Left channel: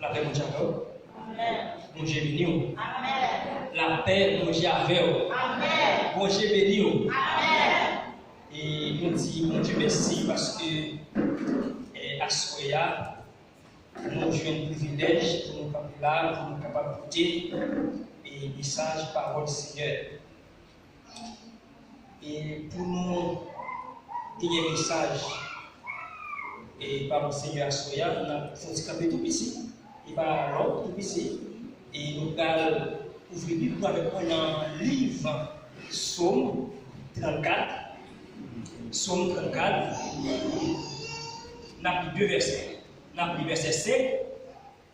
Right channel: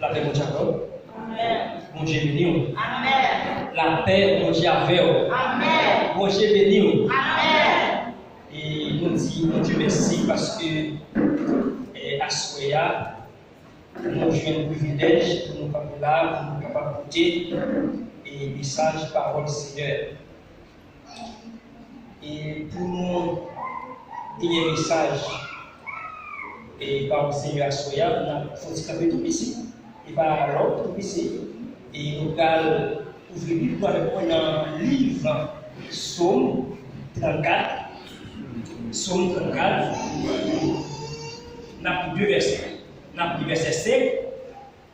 La paix, mon Jacob. Amen. Mon Dieu béni. Amen. La paix, mon Dieu avec. Amen. Mon Dieu béni. Amen. Et nous disons, mon Dieu merci parce que à Soya, nous avons un privilège pour nous capables là, pour nous capables d'écouter et message parole Seigneur. Et pour nous donner un message et par le Seigneur à Soya, on a senti un peu tout ici. Et par l'autre tout ici. Et nous allons ouvrir la Bible avec un livre, Psaume 34. Psaume 34. On a pris deux versets. On a pris verset 5. Et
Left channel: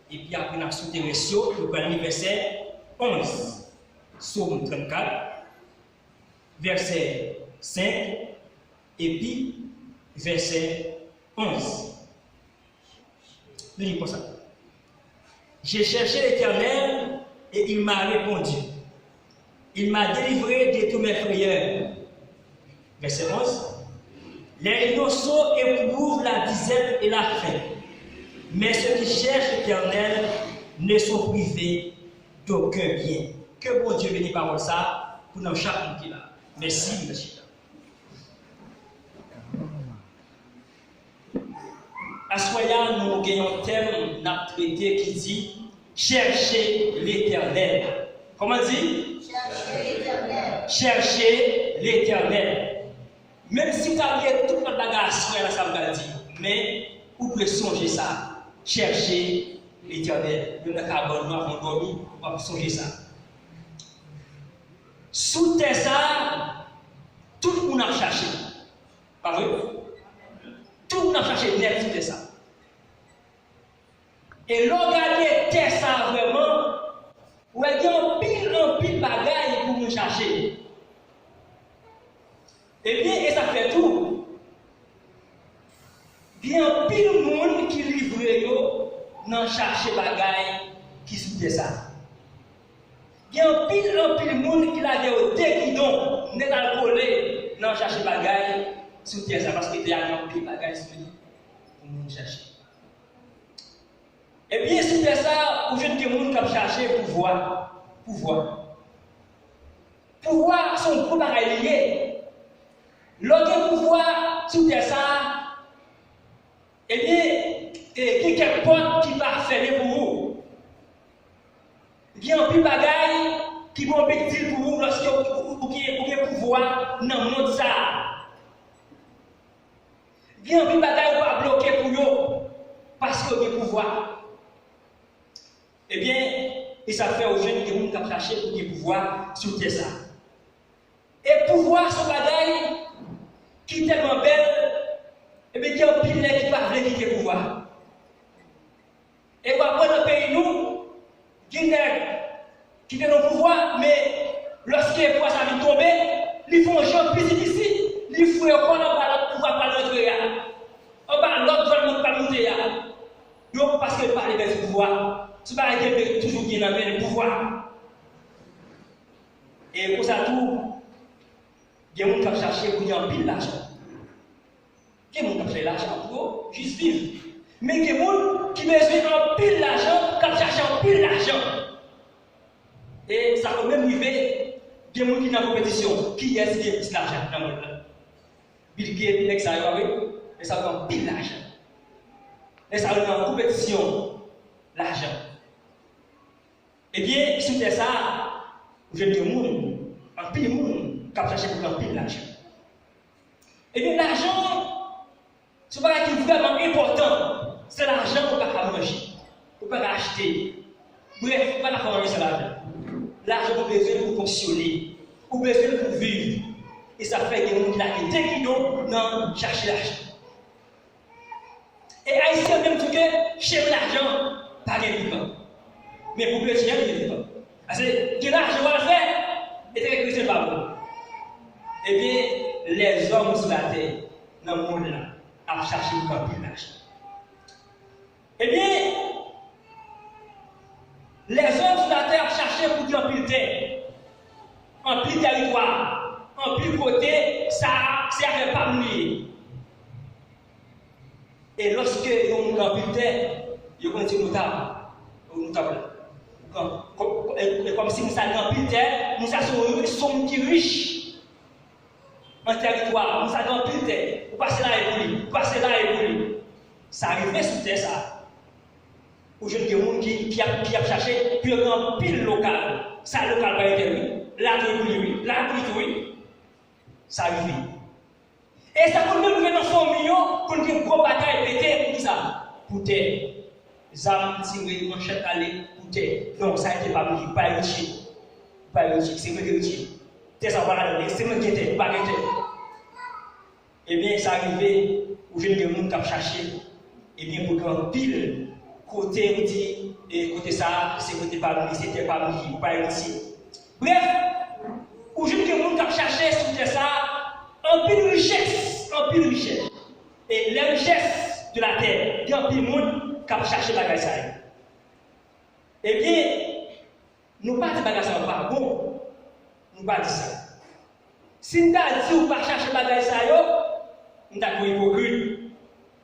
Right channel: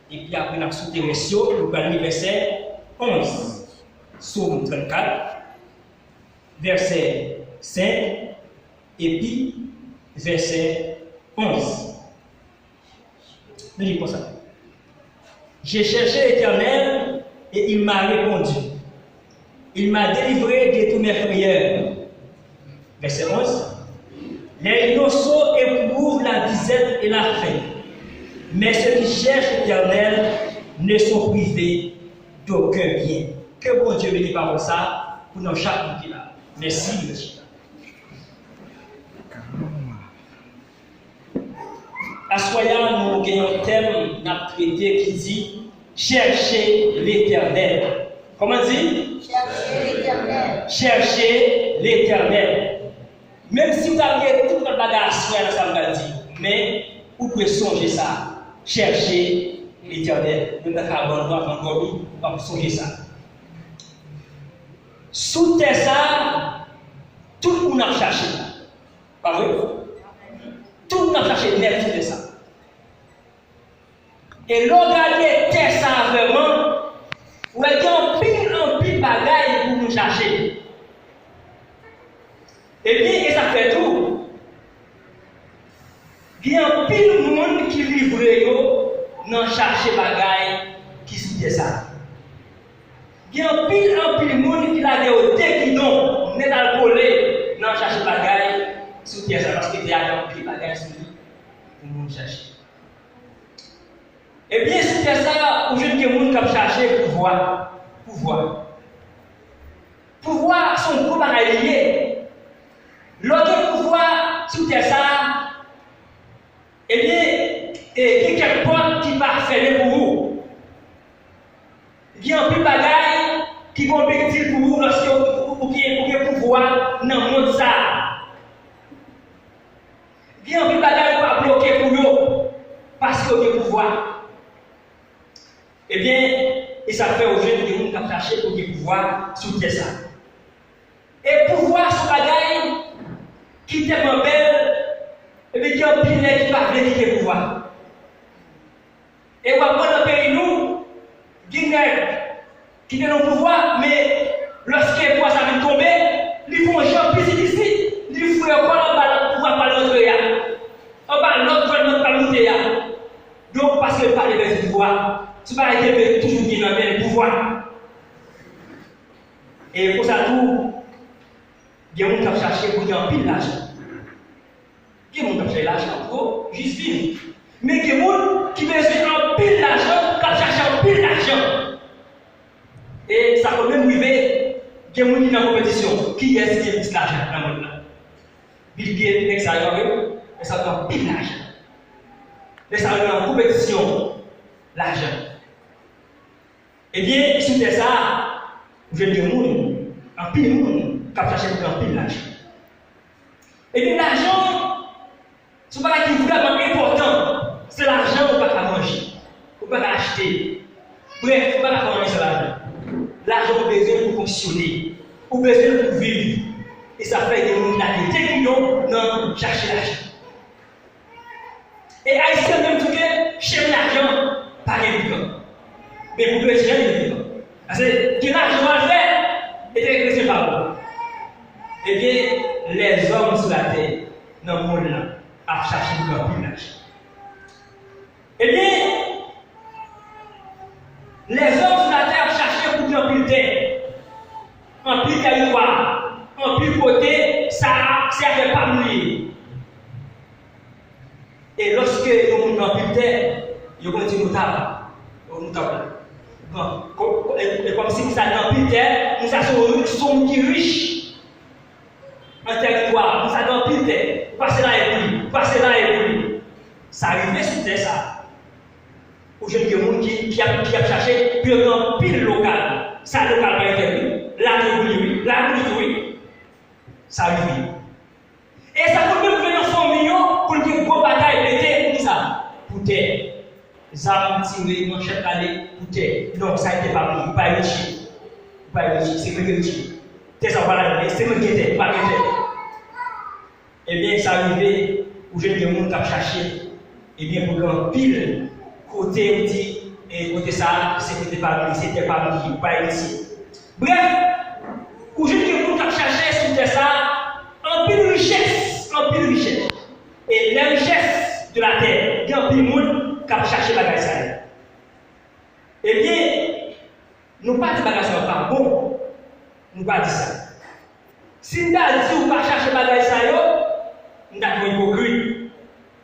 puis après, on a sauté le ratio. Nous allons lire verset 11. Psaume 34. Verset 5. Et puis, verset 11. Nous lisons ça. J'ai cherché l'Éternel et il m'a répondu. Il m'a délivré de tous mes frayeurs. Verset 11. Les innocents éprouvent la disette et la faim, mais ceux qui cherchent l'Éternel ne sont privés d'aucun bien. Que bon Dieu bénisse par ça pour nous chaque monde qui est là. Merci, monsieur. À Soya, nous avons un thème à traiter qui dit chercher l'Éternel. Comment dit? Cherchez l'Éternel. Chercher l'Éternel. Même si vous avez tout le bagage à ça va dire, mais vous pouvez songer ça. Chercher l'Éternel. Nous avons encore on va songer ça. Sous terre ça, tout le monde a cherché. Pas vrai? Tout le monde a cherché net sous terre ça. Et regardez terre ça vraiment, vous avez un pile bagaille pour nous chercher. Et bien, et ça fait tout. Il y a un pile monde qui livre dans chercher bagaille qui sous ça. Il y a un pile monde qui l'a déoté qui donc n'est pas collé dans chercher bagaille sous ça parce qu'il y a un pile bagaille sous pour nous chercher. Et bien, sous ça, où je dis que les gens qui chercher pouvoir. Pouvoir sont gros bagaille liés. L'autre pouvoir sous ça, eh bien, il y a quelques portes qui va fermer pour vous. Il y a un peu de bagaille qui vont bénéficier pour vous lorsque vous avez pouvoir dans le monde ça. Il y a un peu de bagaille qui va bloquer pour vous parce que vous avez pouvoir. Eh bien, et ça fait aux jeunes qui vont chercher pour qu'ils pouvoir sous ça. Et pouvoir sur bagaille qui est tellement belle, et bien qui a un pilet qui va venir quitter le pouvoir. Et on va prendre un pays nous, qui est dans le pouvoir, mais lorsque le pouvoir ça vient tomber, ils font un jeu plus difficile, ils font encore en bas le pouvoir par l'autre, en bas l'autre va pas monter. Donc parce que par les pouvoir, ce n'est pas toujours qui est dans le pouvoir. Et pour ça tout, il y a des gens qui cherchent pour gagner un pile d'argent. Il y a des gens qui cherchent l'argent pour juste vivre. Mais il y a des gens qui besoin un pile d'argent, qui cherchent un pile d'argent. Et ça peut même arriver, il y a des gens qui sont en compétition. Qui est-ce qui a plus d'argent dans le monde? Bill Gates, l'extérieur, et ça prend pile d'argent. Et ça met en compétition l'argent. Eh bien, si c'est ça, vous avez des gens, un pile de monde. Qui chercher pour un pile d'argent. Et bien l'argent, ce n'est pas qui est vraiment important. C'est l'argent qu'on ne peut pas manger, qu'on ne peut pas acheter. Bref, on ne peut pas manger sur l'argent. L'argent a besoin pour fonctionner, a besoin pour vivre. Et ça fait des gens qui ont cherché l'argent. Et Haïtien même tout que chez l'argent, pas d'évident. Mais pour le chien, il est évident. Parce que l'argent va le faire, et c'est pas bon. Eh bien, les hommes sur la terre, dans le monde là, à chercher pour un l'argent. Eh bien, les hommes sur la terre cherchaient pour un pile terre, un pile territoire, un pile côté, ça ne servait pas à mourir. Et lorsque ils ont un pile terre, ils ont continué à nous t'appelons. Comme si nous avons pile terre, nous sommes qui riches en territoire, nous avons pile terre, passer là et pour passer là et pour lui. Ça arrive sur terre ça. Ou je dis monde qui a cherché pile local, ça local pas été là oui, là oui. Ça arrive. Et ça peut même venir dans son million pour dire gros bataille pété pour ça. Pour terre. Zam tiré, manchette aller, pour terre. Non, ça n'était pas pris, pas riche. Pas riche, c'est que riche. T'es ça voilà, c'est moi qui était, pas qui. Eh bien, ça arrivait où je dis monde qui a cherché. Eh bien, pour qu'un pile côté où dit et côté ça, c'est côté pas pris, c'était pas pris, pas ici. Bref, où je dis monde qui a cherché sur terre ça, un peu de richesse, Et les richesses de la terre, il y a un peu de monde qui a cherché la bagaille ça. Eh bien, nous pas dit bagaille ça pas bon, nous pas dit ça. Si nous avons dit ou pas chercher bagaille ça, nous avons hypocrite.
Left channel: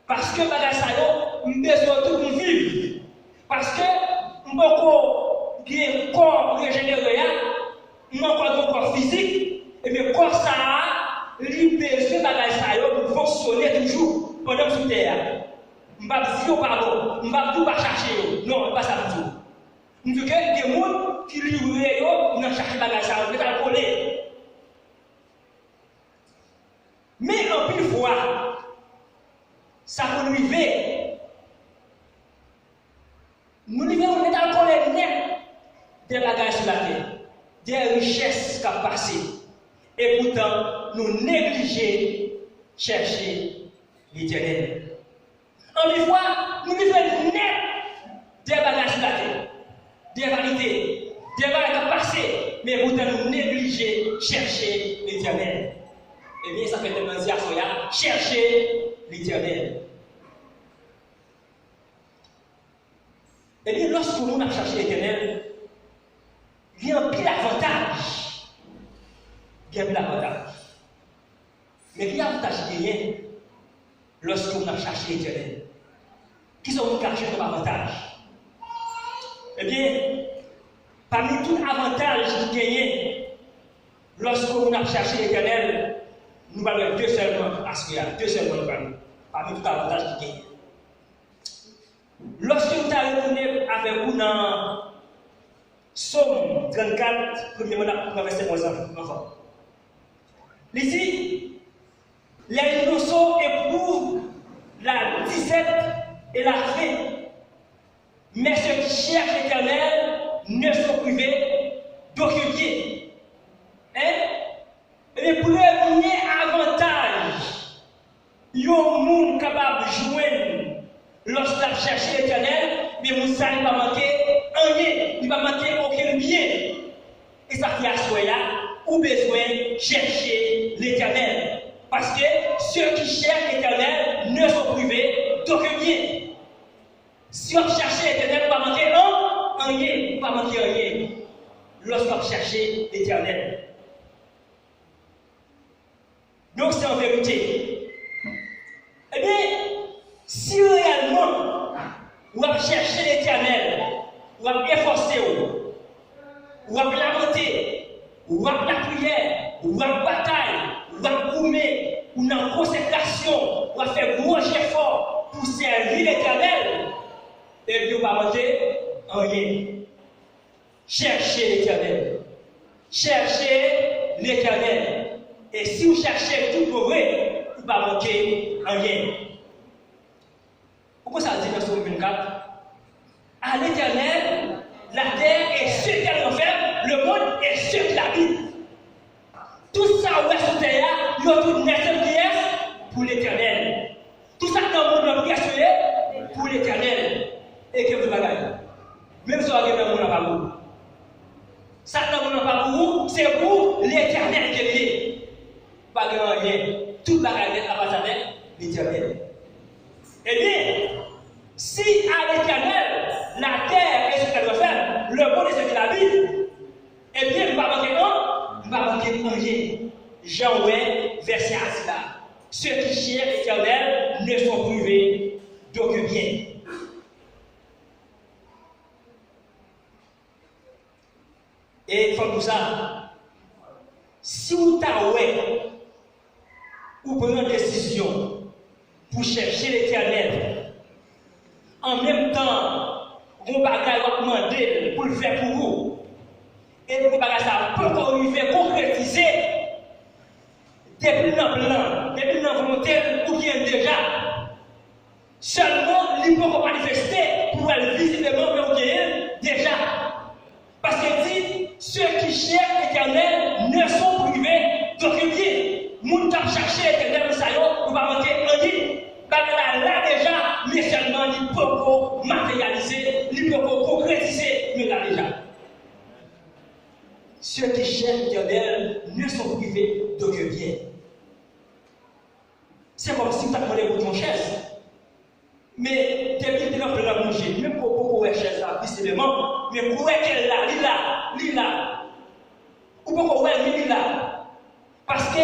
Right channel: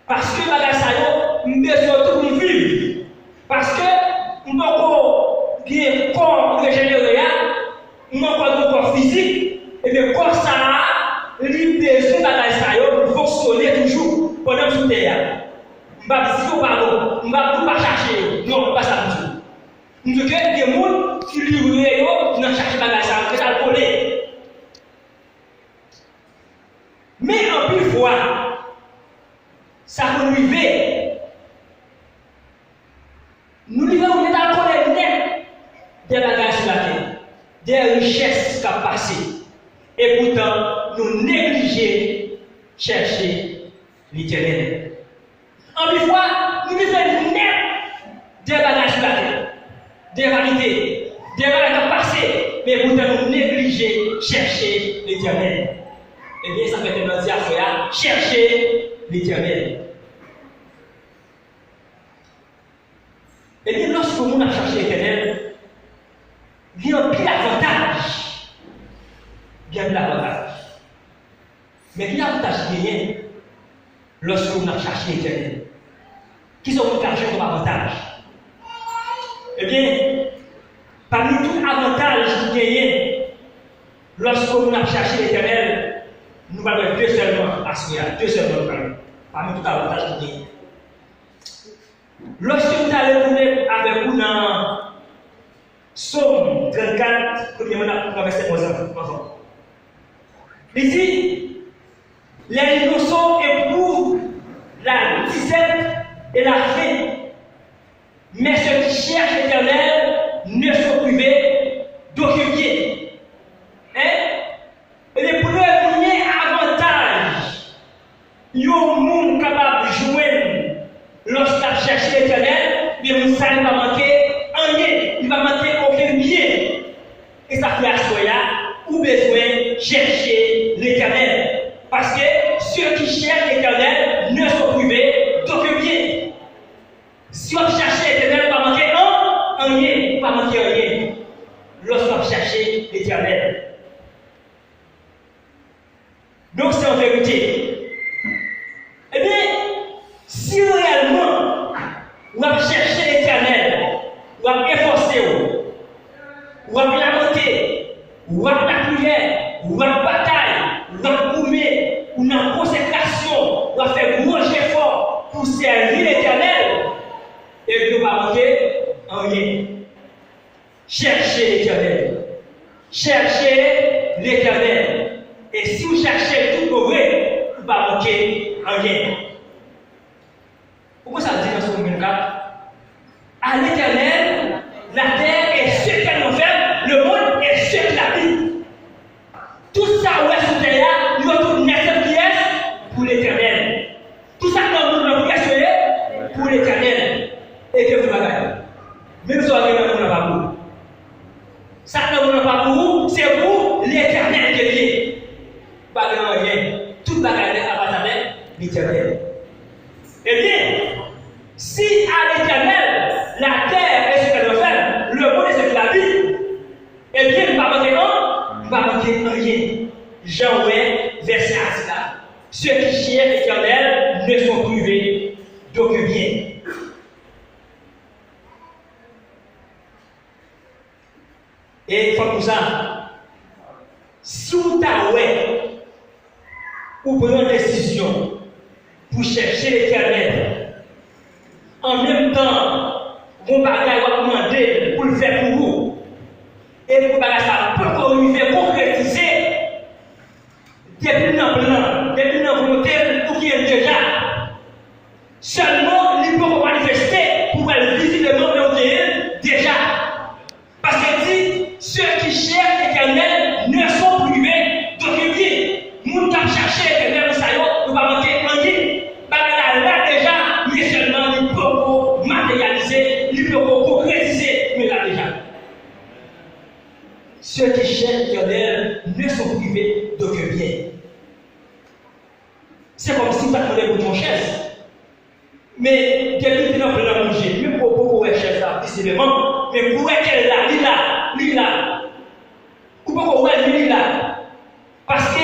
Parce que bagaille ça, nous besoin tout pour vivre. Parce que nous avons bien corps régénéré, nous avons un corps physique, et bien corps ça. Il besoin de ça pour fonctionner toujours pendant sous terre. On va dire pardon, on va tout pas chercher. Non, pas ça du tout. Nous avons des gens qui livrent dans chercher bagage ça, on va coller. Mais en plus fois, ça peut nous arriver. Nous vivons dans le coller net des bagages sur la terre, des richesses qui ont passé. Et pourtant, nous négliger chercher l'Éternel. En une fois, nous vivons net des bagages de la terre, des vanités, des bagages passés, mais pourtant nous négliger chercher l'Éternel. Eh bien, ça fait tellement dire à chercher l'Éternel. Eh bien, lorsque nous avons cherché l'Éternel, il y a un pile avantage. Bien de l'avantage. Mais il y a un avantage gagné lorsque vous avez cherché l'Éternel. Qui sont les chercheurs comme avantage? Eh bien, parmi tous les avantages que vous gagnez lorsque vous avez cherché l'Éternel, nous allons deux seulement à ce deux seulement parmi tous les avantages que vous gagnez. Lorsque vous allez retourner avec vous dans Somme 34, premièrement, verset 11 enfants. Ici, les innocents éprouvent la disette et la faim. Mais ceux qui cherchent l'Éternel ne sont privés d'aucun bien. Et pour le premier avantage, il y a un monde capable de jouer lorsqu'il cherche l'Éternel, mais vous ne savez pas manquer rien, il ne va manquer aucun bien. Et ça fait à soi ou besoin chercher l'Éternel. Parce que ceux qui cherchent l'Éternel ne sont privés d'aucun bien. Si on cherche l'Éternel, on va manquer rien, on va manquer rien. Lorsqu'on cherche l'Éternel. Donc c'est en vérité. Eh bien, si réellement on va chercher l'Éternel, on va efforcer, on va lamenter, ou à la prière, ou à la bataille, ou à la gourmet, ou dans la consécration, ou à faire gros effort pour servir l'Éternel, et puis on va manquer rien. Cherchez l'Éternel. Cherchez l'Éternel. Et si vous cherchez tout pour vrai, vous ne va manquer rien. Pourquoi ça dit dans Somme 24? À l'Éternel, la terre est ce qu'elle en fait, le monde est ce qu'il habite. Tout ça, où est ce terre, il y a tout une pièce pour l'Éternel. Tout ça, dans le monde, est pour l'Éternel. Et que vous l'avez. Même si vous avez dans le monde, pas pour vous. Ça, dans le monde, pas pour vous, c'est pour l'Éternel qui est lié. Pas de rien. Tout bagaille appartient à l'Éternel. Eh bien, si à l'Éternel, la terre est ce qu'elle doit faire, le monde est ce qu'il habite, eh bien, il ne va pas manquer un, il va manquer rien. Jean 1, verset 1 là. Ceux qui cherchent l'Éternel ne sont privés d'aucun bien. comme ça. Si vous avez ou prenez une décision pour chercher l'éternel, en même temps, vos bagages vont demander pour le faire pour vous. Et vos bagages ça peut arriver concrétiser depuis dans le plan, depuis dans la volonté ou qui est déjà. Seulement, il peut manifester pour aller visiblement le déjà. Parce que dit, ceux qui cherchent l'éternel ne sont privés d'aucun bien. Nous qui cherchons l'éternel, nous ne pas manquer en ligne. Là déjà, mais seulement il peut matérialiser, il peut concrétiser, mais là déjà. Ceux qui cherchent l'éternel ne sont privés d'aucun bien. C'est comme si tu attendais pour ton chaise. Mais depuis que nous avons manger, même pour beaucoup de chaise là, visiblement, mais pour qu'elle est là, là. Ou pourquoi elle est là? Parce que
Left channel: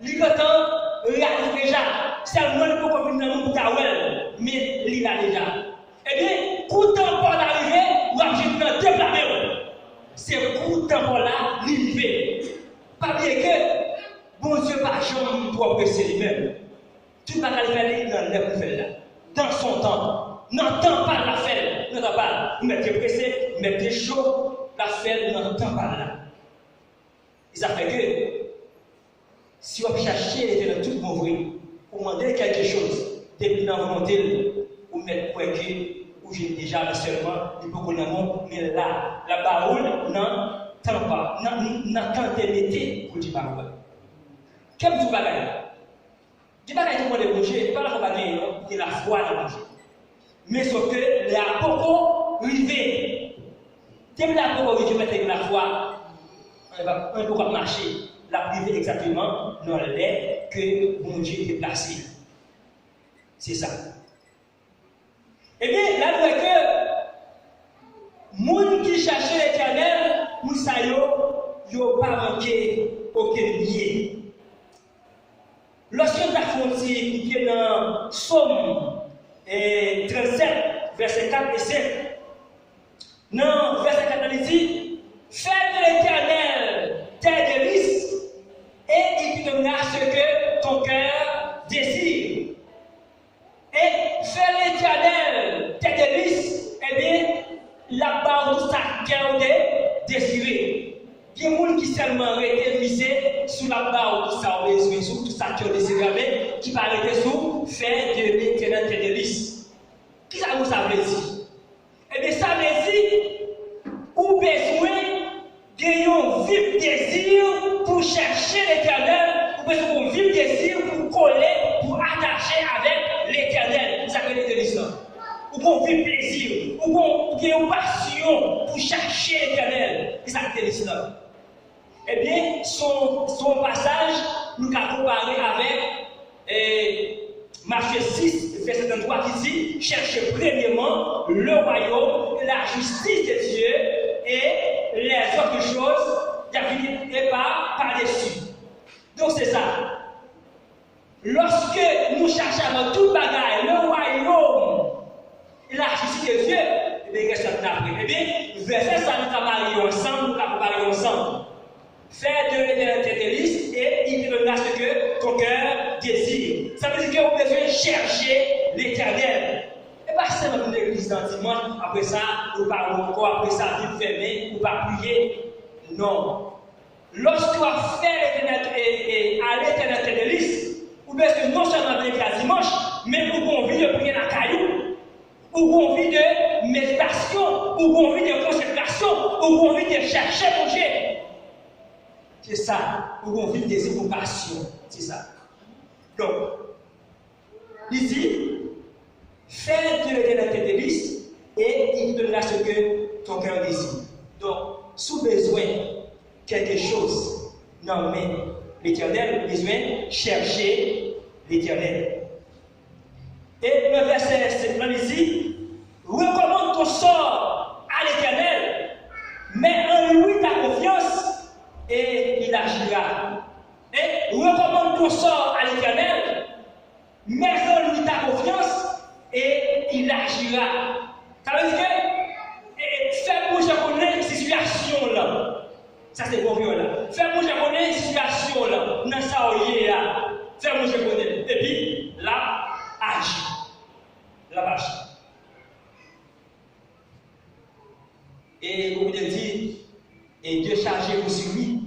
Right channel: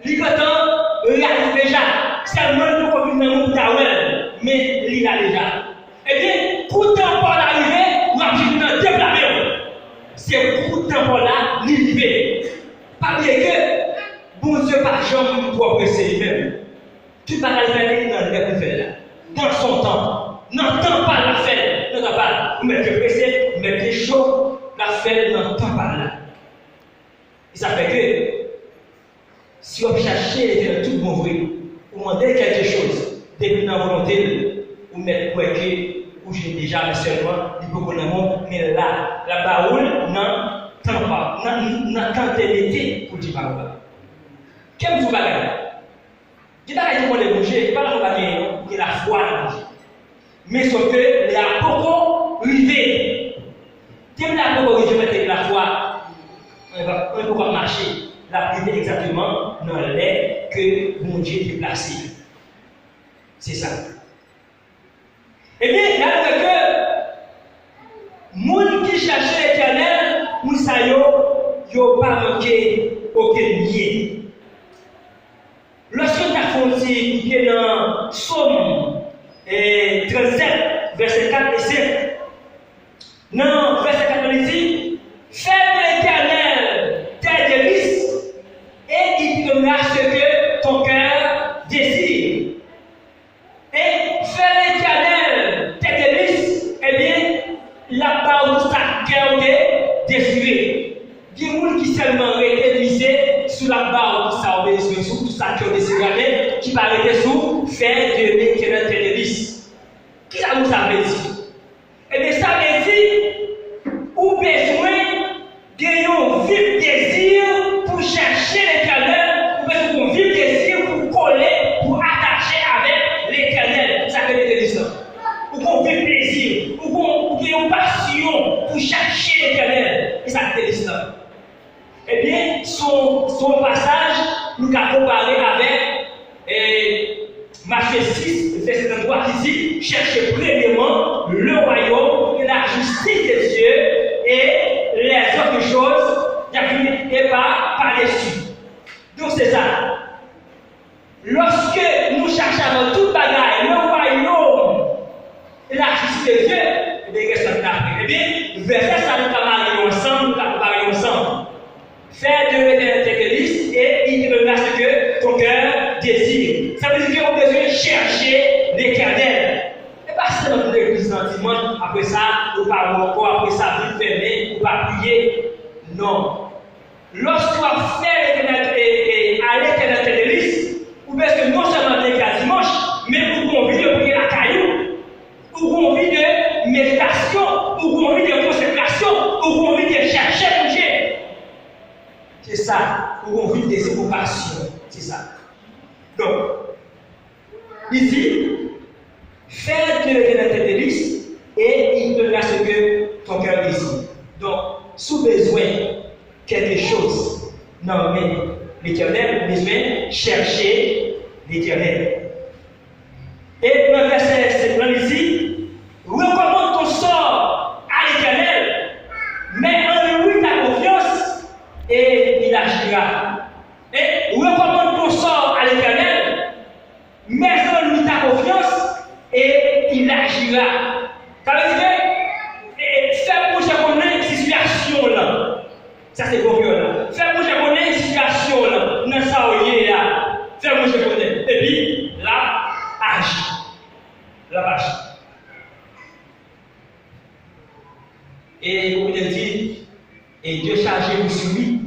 l'IGOTAN réalise déjà. Seulement pour qu'on vienne dans le tawel, mais il a déjà. Eh bien, pour temps pour l'arrivée, nous avons dit deux blâmes. C'est pour temps pour là, l'arrivée. Pas bien que, bon Dieu, par jamais, pour apprécier lui-même. Tout va le faire dans le plus là. Dans son temps. N'entend pas la fête. N'entend pas. Vous mettez pressé, vous mettez chaud, la fête n'entend pas là. Et ça fait que, si on cherche les tout bon vrai, vous demandez quelque chose, depuis dans la volonté, vous mettez pour que, ou j'ai déjà mais seulement, il faut qu'on ait mais là, la baoule n'entend pas, n'entend l'été pour dire par là. Quel vous bagage? Je ne sais pas si vous bouger, pas la foi il y a la foi dans Dieu. Mais sauf que les apôtres arrivés. Dès que les apôtres arrivés, la foi, on ne peut pas marcher. La privé exactement dans l'air que mon Dieu est placé. C'est ça. Eh bien, là, c'est que les gens qui cherchent l'éternel, nous savons, ils n'ont pas manqué aucun lien. Lorsque nous avons dit qu'il est dans Somme 37, verset 4 et 5, non, verset 4, il dit, fais de l'éternel tes délices et il te donnera ce que ton cœur désire. Et fais l'éternel tes délices, eh bien, là-bas où ta cœur désiré. Il y a des gens qui seulement été visés sur la barre où ça a besoin, sur tout ça qui a désiré, qui va arrêter sous faire de l'éternel tes délices. Qui ça vous a dit? Eh bien, ça veut dire, ou besoin d'un vif désir pour chercher l'éternel, ou besoin d'un vif désir pour coller, pour attacher avec l'éternel. Ça veut dire délices. Ou qu'on vif plaisir, ou qu'on ait une passion pour chercher l'éternel. Et ça veut dire délices. Eh bien, son passage, nous avons comparé avec Matthieu 6, verset 33 qui dit, cherchez premièrement le royaume et la justice de Dieu et les autres choses, et pas par-dessus. Donc c'est ça. Lorsque nous cherchons dans tout bagaille le royaume et la justice de Dieu, eh bien, qu'est-ce qu'on a? Eh bien, verset ça, nous avons ensemble, nous avons parlé ensemble. Fais de l'éternel tes délices et il te donnera ce que ton cœur désire. Ça veut dire que vous devez chercher l'éternel. Et pas seulement pour l'église dans le dimanche, après ça, vous parlez encore, après ça, vous fermez, vous pas prier. Non. Lorsque vous faites à l'éternel tes délices, vous pouvez que non seulement l'église à dimanche, mais vous avez envie de prier la caillou, ou vous avez envie de méditation, ou vous avez envie de consécration, ou vous avez envie de chercher mon Dieu. C'est ça, où on vit des évocations. C'est ça. Donc, il dit, fais de l'éternel tes délices et il te donnera ce que ton cœur désire. Donc, sous besoin quelque chose, non mais l'éternel, besoin chercher l'éternel. Et dans le verset 7, il dit, recommande ton sort à l'éternel, mais en lui ta confiance. Et il agira. Et recommande ton sort à l'éternel, mets en lui ta confiance et il agira. Ça veut dire, fais pour ce qu'on a une situation là. Ça c'est bon là. Fais-moi je connais une situation là, dans ça où il est là. Fais-moi je connais. Et puis là, agis. Là, agis. Et vous pouvez dire, et Dieu chargez-vous sur lui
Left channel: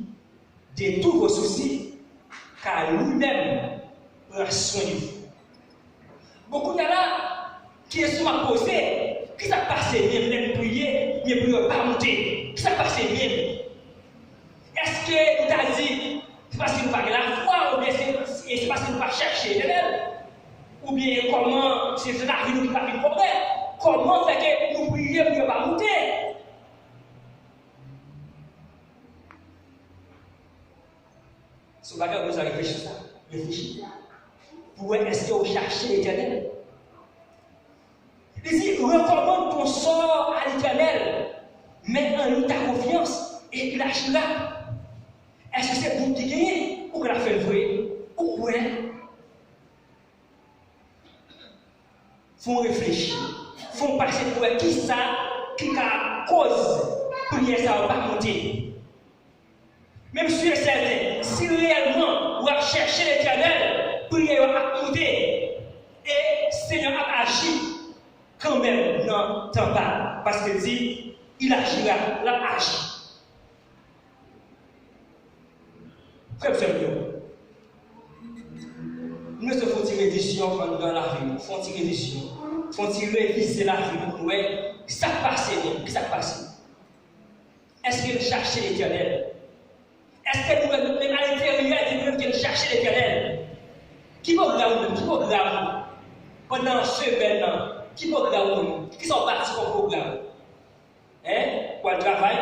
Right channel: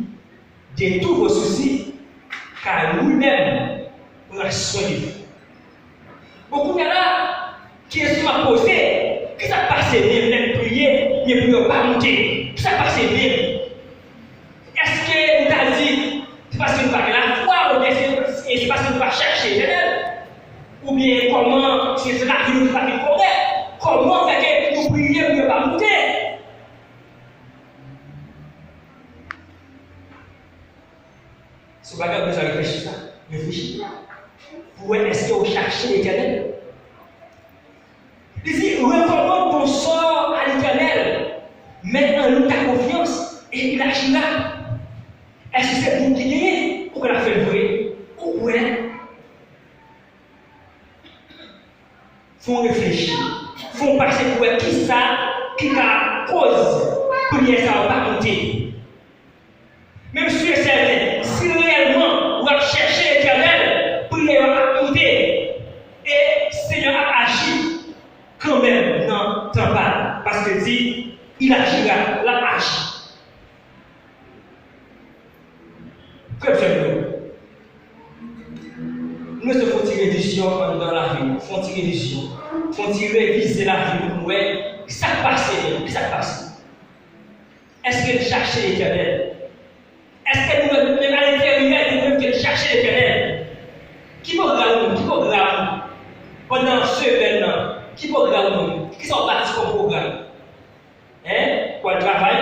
de tous vos soucis, car lui-même prend soin de vous. Beaucoup de là, qui est sur ma posée, qui ça passe bien, même prier, mais prier pas monter. Qui ça passe bien? Est-ce que nous avons dit, c'est parce que nous avons la foi, ou bien c'est parce que nous avons cherché l'éternel? Ou bien comment, c'est la vie nous pas de problème? Comment fait que nous prions pour ne pas monter? Si vous avez besoin de réfléchir ça, réfléchissez. Pour est-ce que vous cherchez l'éternel? Il dit, recommande ton sort à l'éternel. Mets en lui ta confiance et il agira. Est-ce que c'est pour qui gagne ou qu'on a fait le vrai? Ou ouais? Faut réfléchir. Faut passer pour qui ça, qui a cause pour que ça va pas compter. Même si c'est certain, si réellement on va chercher l'éternel, pour qu'il va compter, et Seigneur a agi quand même dans ton pas. Parce que dit, il agira, il agit. Comme ça, nous devons tirer vision dans la vie, faut tirer vision, faut tirer viser la vie pour nous. Qu'est-ce qui s'est passé? Qu'est-ce qui s'est passé? Est-ce que chercher l'éternel? Est-ce que nous, même à l'intérieur, nous devons chercher l'éternel? Qui va regarder nous? Qui va regarder nous? Pendant ce événement, qui va regarder nous? Qui sont partis comme programme? Hein? Pour le travail?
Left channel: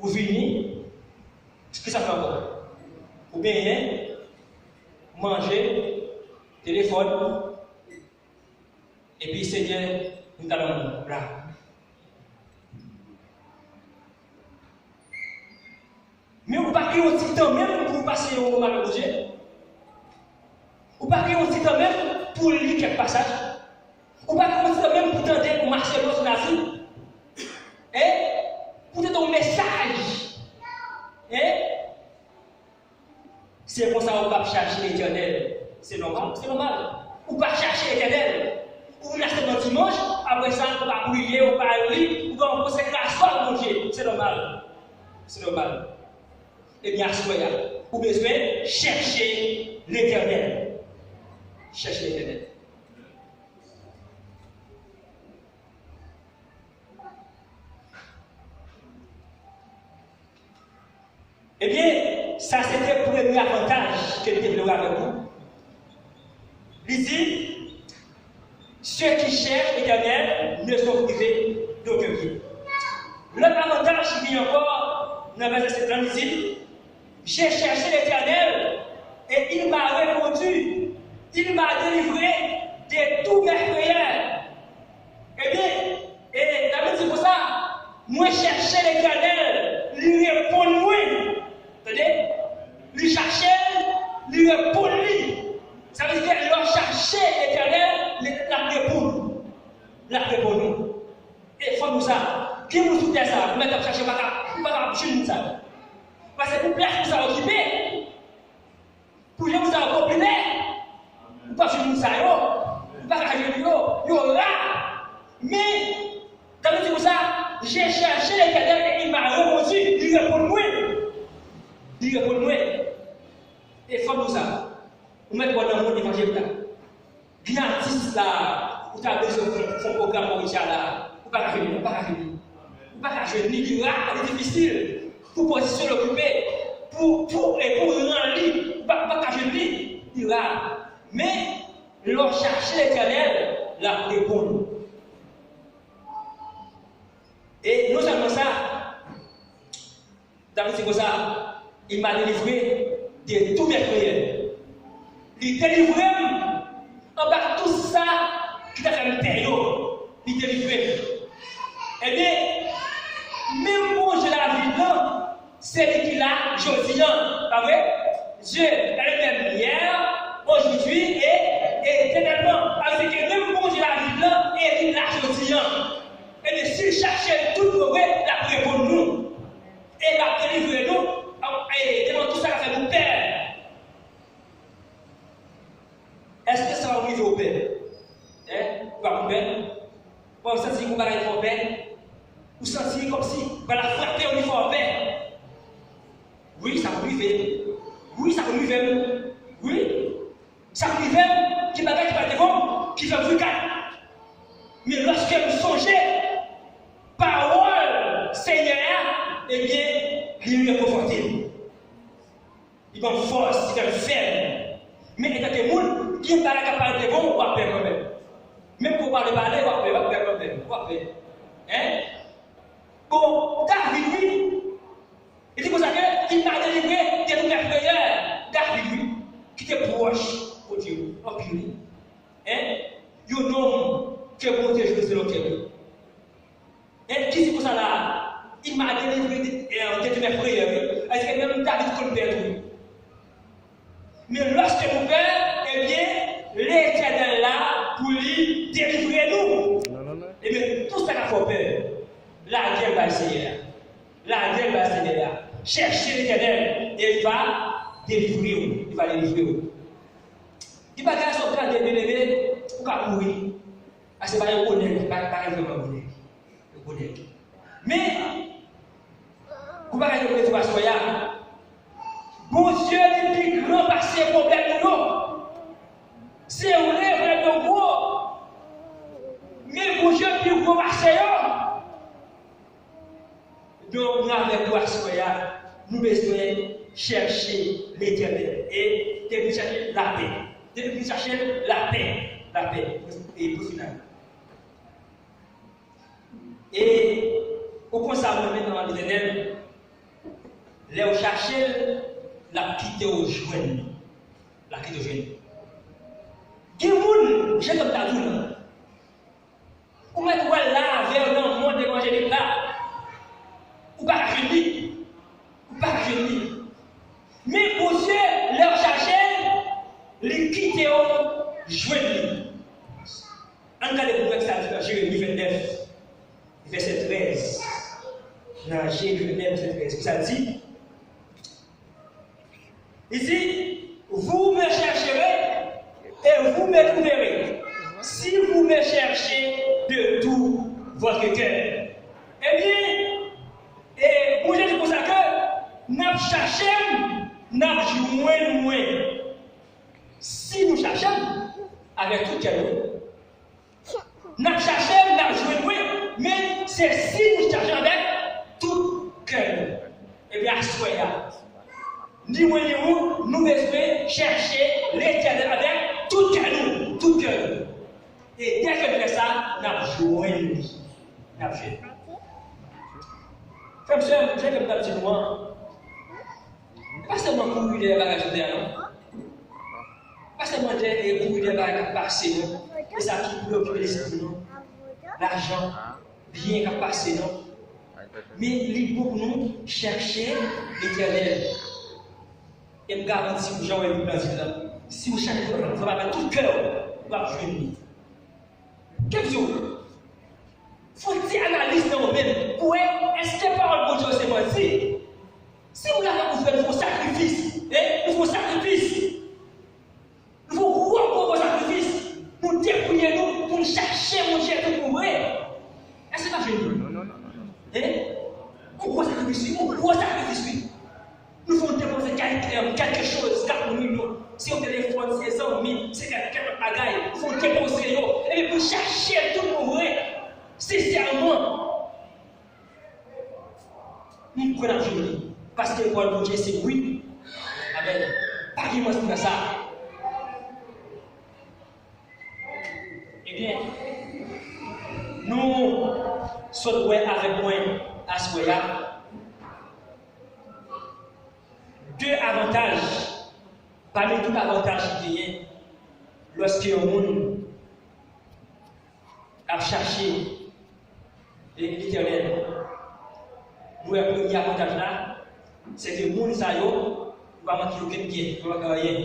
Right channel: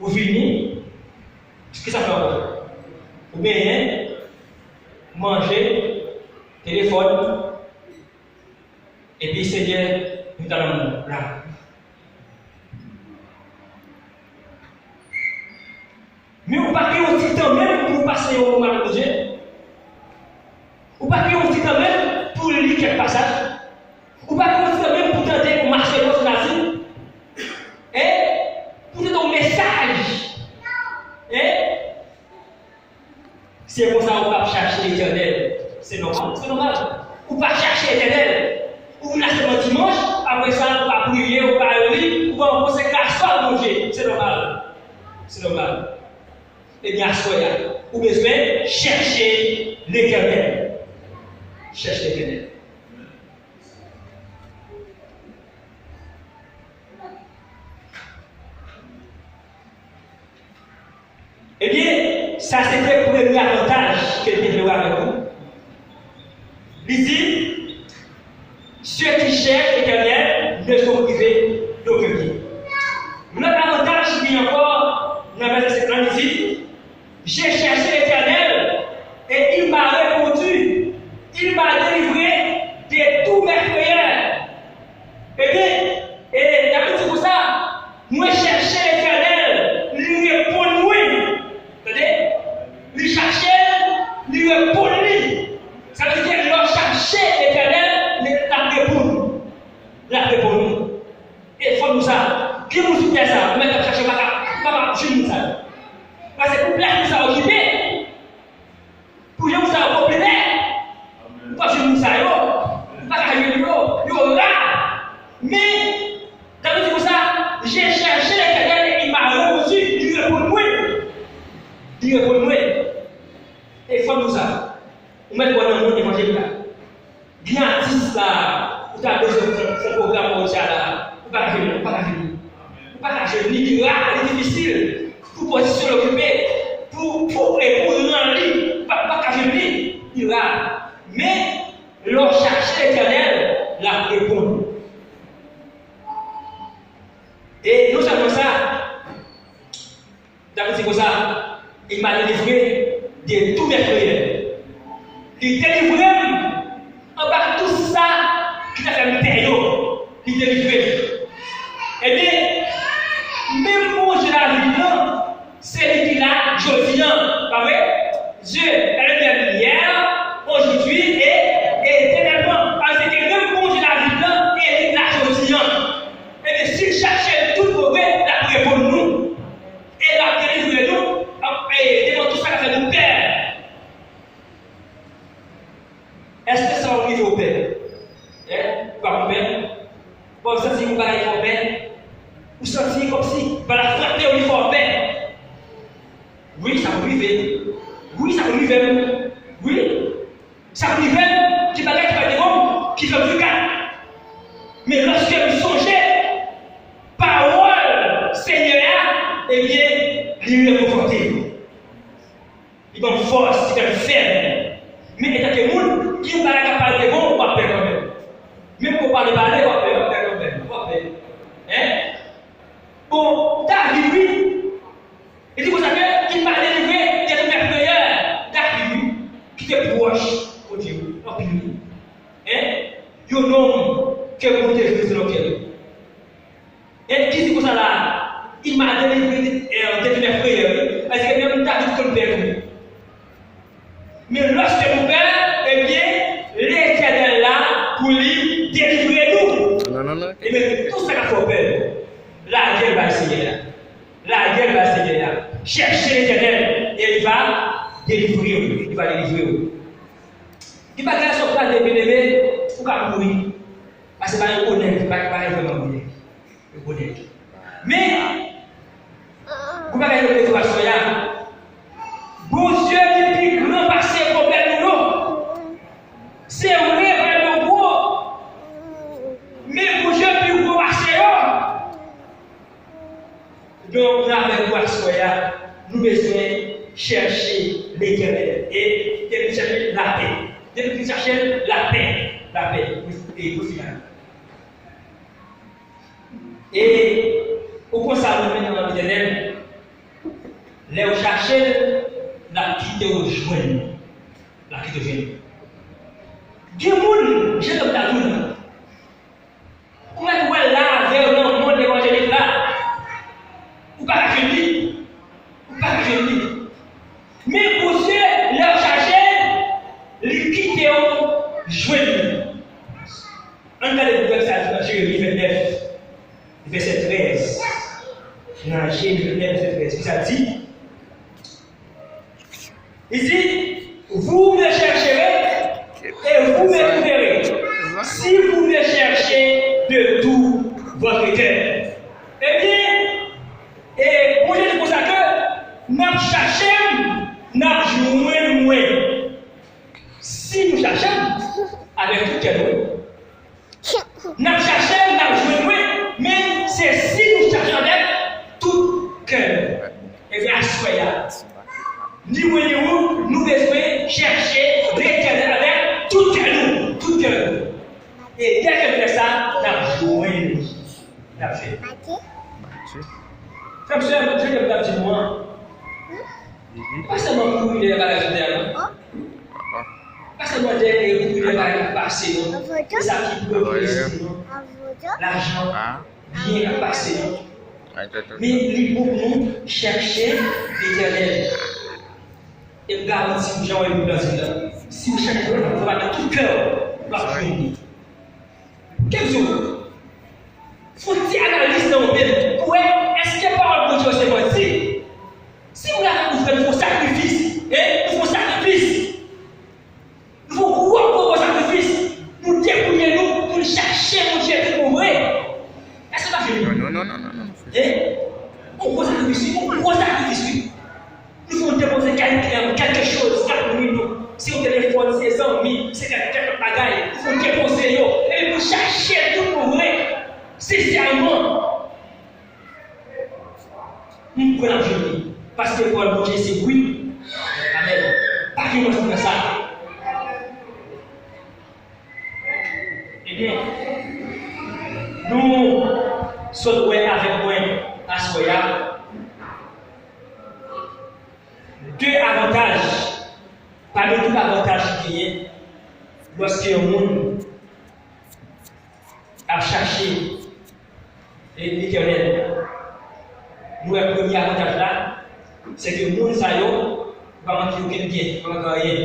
Ou venir? Qu'est-ce que ça fait encore? Ou bien rien? Manger, téléphone, et puis c'est bien, nous allons là. Mais vous ne pouvez pas aussi temps même pour passer au moment de Dieu. Vous ne pouvez pas aussi temps même pour lire quelques passages. Vous ne pouvez pas aussi temps même pour tenter pour marcher dans la vie. Pour donner un message. C'est pour ça qu'on ne va pas chercher l'éternel. C'est normal, c'est normal. On ne va pas chercher l'éternel. Ou là c'est dimanche, après ça on va prier, on va lire, on va poser la soie de Dieu. C'est normal. C'est normal. Eh bien, soyez, vous avez besoin de chercher l'éternel. Chercher l'éternel. Eh bien, ça c'était pour le premier avantage que Dieu veut avec vous. Il dit, ceux qui cherchent l'éternel ne sont privés d'aucun bien. L'autre avantage qui vient encore dans le verset 30, il dit, j'ai cherché l'éternel et il m'a répondu. Il m'a délivré de tous mes prières. Eh bien, et David dit pour ça, moi chercher l'éternel, lui répond oui. Attendez, lui chercher, lui répond lui. Ça veut dire qu'il va chercher l'éternel, la répond. La répond. Et il faut nous ça. Qui vous soutient ça? Vous mettez à chercher, pas chez ça. Parce que pour place nous a occupé, pour que nous a complété, pas chez nous ça, pas chez nous, là. Mais, David dit pour ça, j'ai cherché l'éternel et il m'a répondu, il répond moi. Il répond moi. Et il faut nous ça. Vous mettez dans le monde évangélique. Gratis là, vous avez besoin de programme comme ça là. Vous ne pouvez pas venir. Vous ne pouvez pas venir. C'est difficile. Pour position l'occuper, pour rendre lui, pas qu'à venir, il va. Mais, l'on cherche l'éternel, la répond. Et non seulement ça, David dit comme ça, il m'a délivré de tous mes prières. Il délivré en bas de tout ça qui t'a fait un période. Il délivré. Eh bien, même moi je la vie là, c'est lui qui l'a aujourd'hui, pas vrai? Dieu est le même hier, aujourd'hui et éternellement. Parce que même moi je la vie là, et lui l'a aujourd'hui. Et bien, s'il cherchait tout pour vrai, la répond nous. Et la délivré Est-ce que ça va arriver au père? Pas au père? Bon, vous sentez que vous allez au père? Vous sentez comme si, par la fierté, on y va au père? Oui, ça va arriver. Oui, ça va arriver. Oui, ça va arriver. Qui va être des hommes qui fait du cas. Mais lorsque vous songez, parole Seigneur, eh bien, il est conforté. Il donne force, il est ferme. Mais il y a des gens qui ne sont pas capables de voir, on va faire quand même. Même pour parler, on va faire quand même. On va faire. Hein? Bon, David, lui, il dit pour ça qu'il m'a délivré de mes prières. David, lui, qui était proche au Dieu, en plus. Hein? Il y a un homme qui est monté sur le cœur. Et qui dit pour ça là? Il m'a délivré de mes prières. Parce que même David, comme père, lui. Mais lorsque vous père, eh bien, l'Éternel là pour lui délivrer nous. Non. Et bien, tout ça qu'il faut faire, la guerre va essayer là. La guerre va essayer là. Cherchez l'Éternel et il va délivrer vous. Il va délivrer vous. Il va faire son plan de bien-aimé pour qu'il mourir. Parce que c'est pas un honnête, pas vraiment honnête. Honnête. Mais, vous ne pouvez pas le faire soya. Bon Dieu, depuis grand passé problème nous. C'est vrai, vraiment gros. Mais bon Dieu, plus gros passé. Donc, avec quoi soya, nous devons chercher l'Éternel et chercher la paix. Depuis chercher la paix. Et tout cela. Et au consacré maintenant dans l'Éternel, les chercher la quitter au joint. La quitter au joint. Gémoun, j'ai comme ta toune. Ou même là, vers le monde évangélique là. Ou pas génie. Mais pour ceux, leur chercher, les quitter au joint. En cas de ça, dans Jérémie 29, verset 13. Dans Jérémie 29, verset 13, ça dit. Il dit, vous me chercherez et vous me trouverez si vous me cherchez de tout votre cœur. Eh bien, et pour dire pour ça que nous cherchons, nous jouons. Si nous cherchons avec tout cœur, nous cherchons, nous jouons, mais c'est si nous cherchons avec tout cœur. Et bien, soyez. Nous devons chercher l'Éternel avec tout cœur. Et dès que fait ça, nous avons joué. Frère, j'ai comme petit moi. Pas seulement pour les bagages de terre. Pas seulement pour les bagages passés. C'est ça qui peut plaisir. L'argent, bien passé. Mais il faut nous chercher l'Éternel. Et me garantit que Jean est le président. Si vous cherchez, vous allez mettre tout cœur pour la finir. Quel jour? Faut-il analyser dans le pays? Pour est-ce que parole de Dieu c'est menti? Si vous l'avez vous faites vos sacrifices, nous faisons sacrifice. Nous faisons vos sacrifices. Nous débrouillons nous chercher mon Dieu pour mourir. Est-ce que ça fait Non. On gros sacrifice. Nous faisons déposer quelque chose, si on téléphone, c'est 100 000, c'est quelque bagaille, nous faisons déposer, et puis vous cherchez tout pour vrai, sincèrement. Nous prenons la journée, parce que pour le Dieu, c'est oui. Amen. Pas qu'il nous fasse ça. Eh bien, nous sommes avec moi à Soya. Deux avantages, parmi tous les avantages qu'il y a, lorsqu'un monde a cherché l'Éternel. Nous, le premier avantage là, c'est que le monde ne va manquer aucun bien, ne va manquer rien.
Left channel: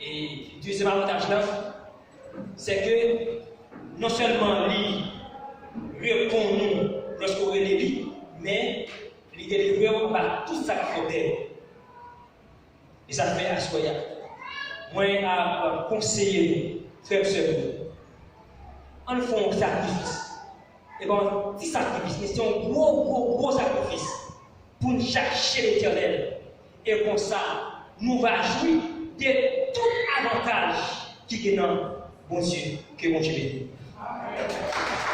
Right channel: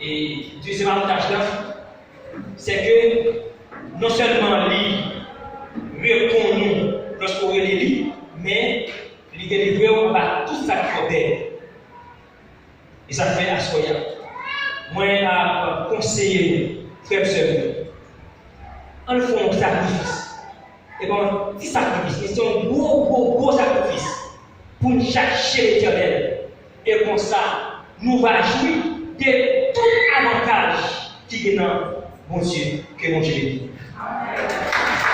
Et le deuxième avantage là, c'est que non seulement il répond nous lorsqu'on est l'élu, mais il délivre par tout ça qu'il faut faire. Et ça fait à Soya. moi, à conseiller, frère et sœur, on fait un sacrifice. Et bon, petit sacrifice, c'est un gros sacrifice pour nous chercher l'Éternel. Et comme ça, nous allons jouir de tout avantage qui est dans bon Dieu, que bon Dieu bénisse. Amen.